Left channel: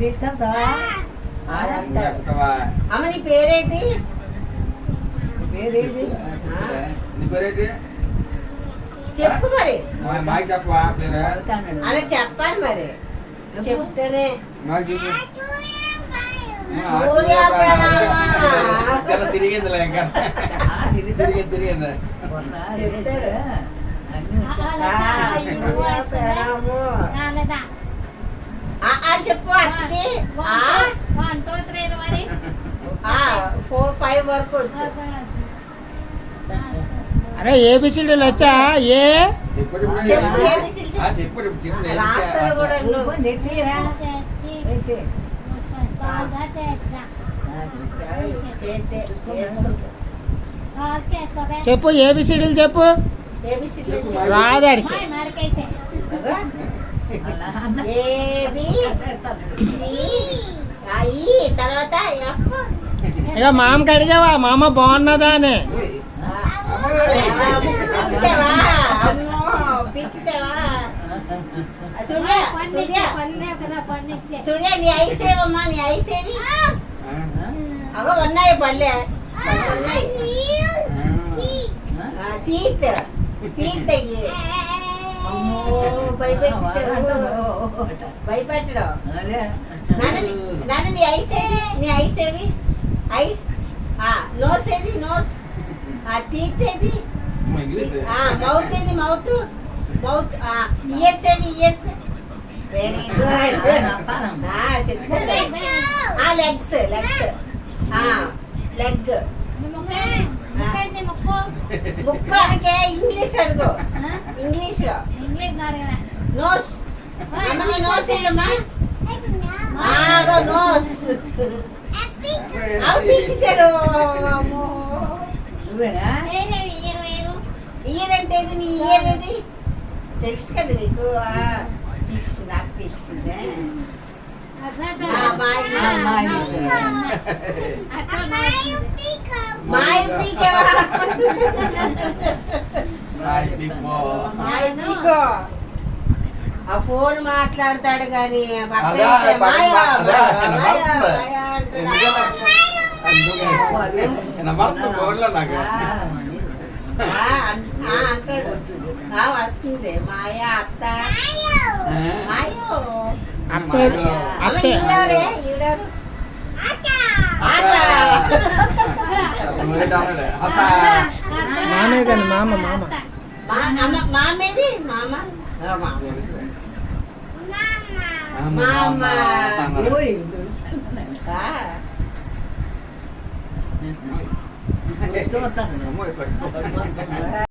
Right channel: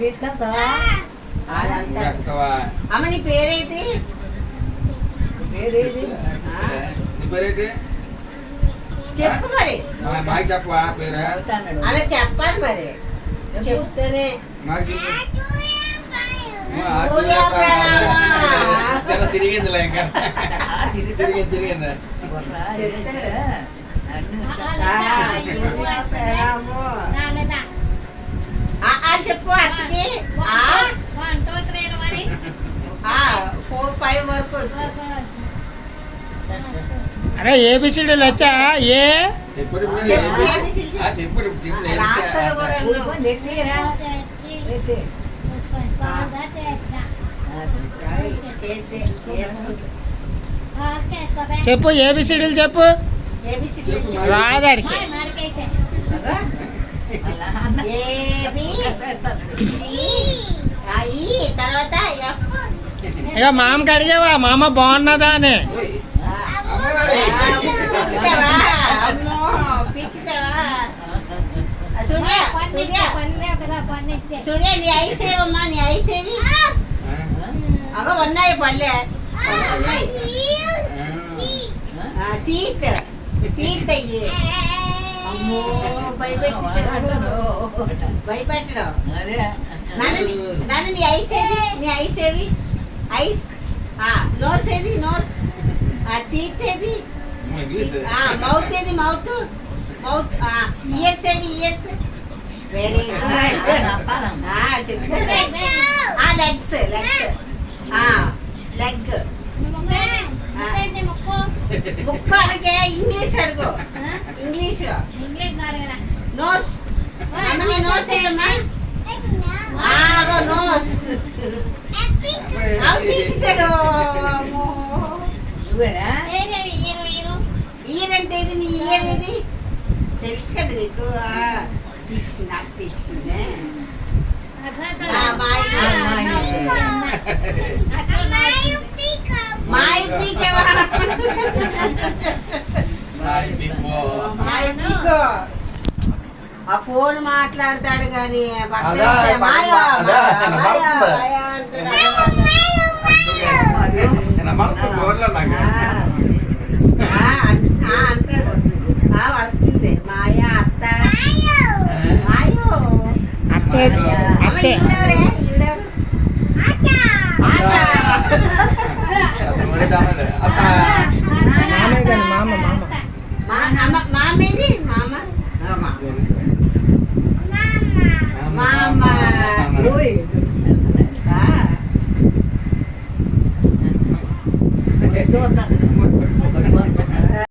తీసుకెళ్తావా? అమ్మ నీ పేరేంటి? చెప్పు మరి. అలా చెప్పాలి మరి, చెప్తేనే. తిరిగిందిలే ఇంకా తిరిగింది చెప్పు అక్కడికి 4, 5 వరకు వచ్చు. అరే ఏబిసిడీలు వచ్చా? ఏ చెప్పు, ఏబిసిడీలు చెప్పు. రాదాడికి తర్వాత ఇక మామకి అడిగావా మామ బాగున్నదా అని? సూర్య నీ ఐసేవమ్మా, నీ ఐసేవి అగో ఉన్నాయి పల్లె తీత్ తీత్ అయ్యి భయపెట్టడం. నాన్న నీ ఐసేవి, నీ ఐసేవి ఐస్ నోస్ ఏది? నోస్. తీత్ ఏది? మౌత్ ఏది? మౌత్. మౌత్. ఇయర్స్ ఏవి? ఇయర్స్. Very good. చెప్తా. లెగ్స్. లెగ్స్. లెగ్. బుక్ అనకే ఇంగ్లీష్ అడుగు. ఇంగ్లీష్ లో నోస్. అమ్మ నీ నోస్ ఏంటమ్మా? నోస్. పీక్సాడు. ఇయర్ అంటే నీ ఇయర్ ఏది? తెలుసు కదా నీకు. నాకు పీక్సిందే. ఆ ఫోన్ మాట్లాడతాడు కానీ వస్తుంది మాయా అత్త. మామేదని మామ మామేది మామ మామ చూద్దాం.